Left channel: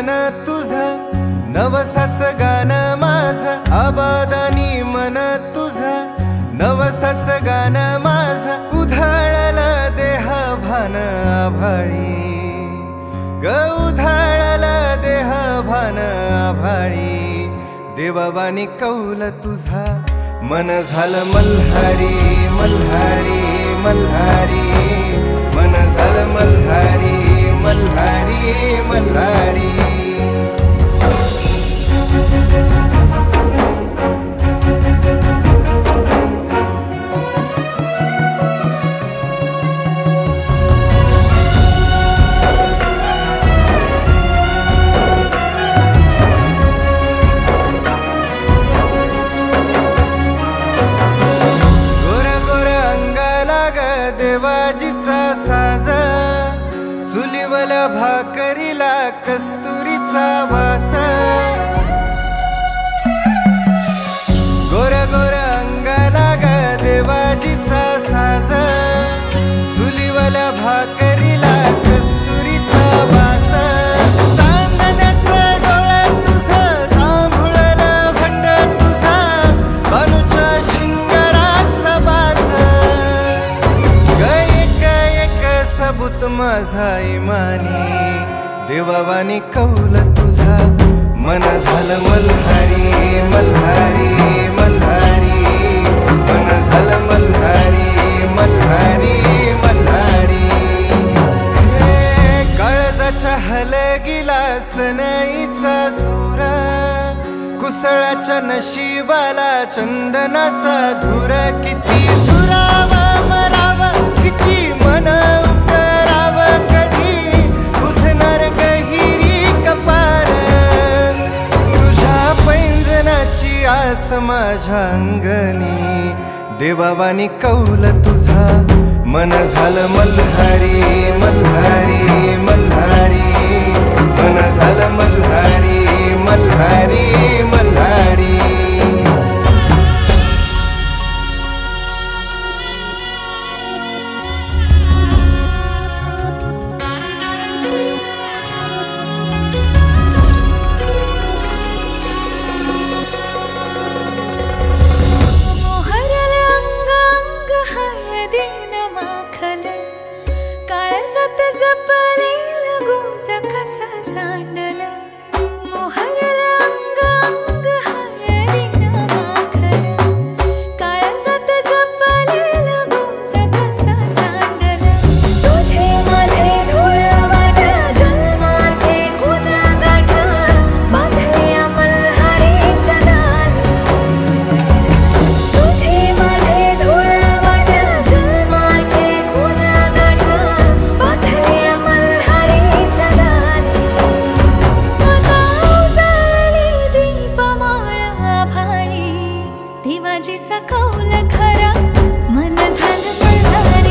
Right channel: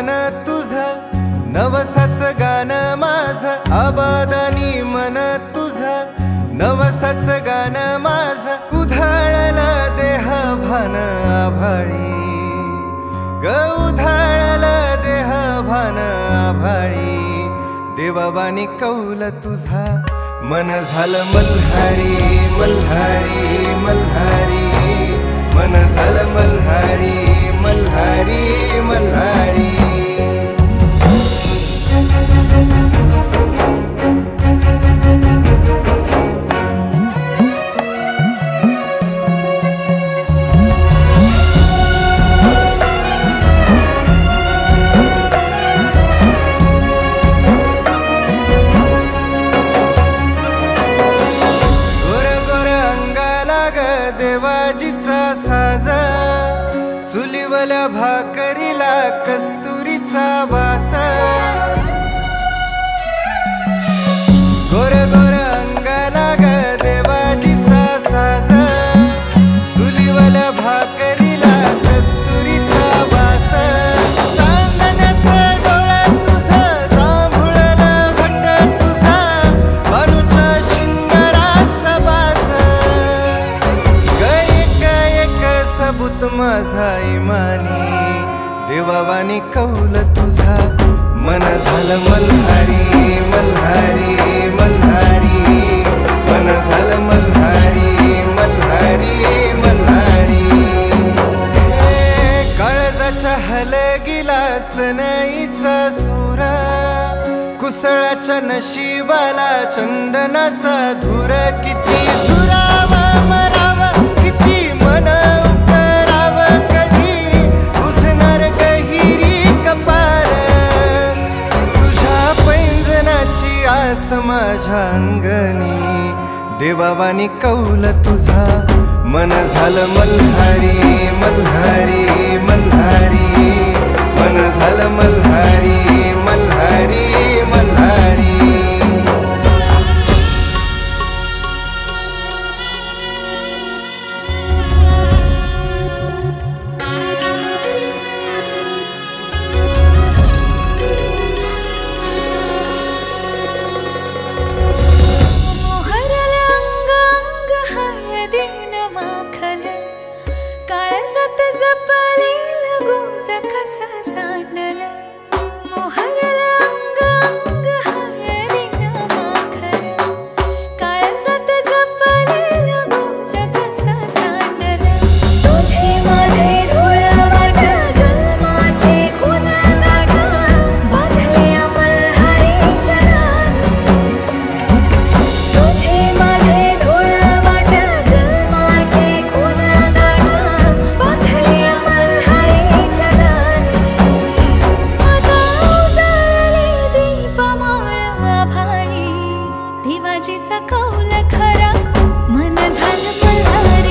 मन तुझं नवसाच गाणं माझं आबादानी मन तुझं नवसाच गाणं माझं उधाळलं देह भान आभाळी ग उधाळलं देह भान आभाळी देवावानी कौल तुझा मन झालं मल्हारी मल्हारी मल्हारी मन झालं मल्हारी मल्हारी मल्हारी देवाजीचा साज चुलीवल्या भाकरीला कस्तुरीचा वास गोर गोर अंगाला ग देवाजीचा साज चुलीवल्या भाकरीला कस्तुरीचा वास चांदण्याचं डोळं तुझं जांभुळलं भट्ट तुझा बानूच्या शिंगाराचा बाज सबूत माझा इमानी देवावानी कौल तुझा मन झालं मल्हारी मल्हारी मल्हारी मन झालं मल्हारी मल्हारी मल्हारी काळजाच्या हलगिला सनईचा सुरा कुसळाच्या नशिबाला चंदनाचा धूर किती झुरावा मरावा किती मन उकराव कधी बुझणार गहिरी कपाल तुझ्या पैंजनाची आस माझ्या अंगणी देवावानी कौल तुझा मन झालं मल्हारी मल्हारी मल्हारी मन झालं मल्हारी मल्हारी मल्हारी कसा सांडला मोहरला अंग अंग हळदीन माखल काळजात जपलेला गोस कसा सांडला तुझे माझे धूळ वाट जन्माचे खून गाठ बांधल्या मल्हारीच्या दारी तुझे माझे धूळ वाट जन्माचे खून गाठ बांधल्या मल्हारीच्या देवाजीचा कौल खरा मन झालं मल्हारी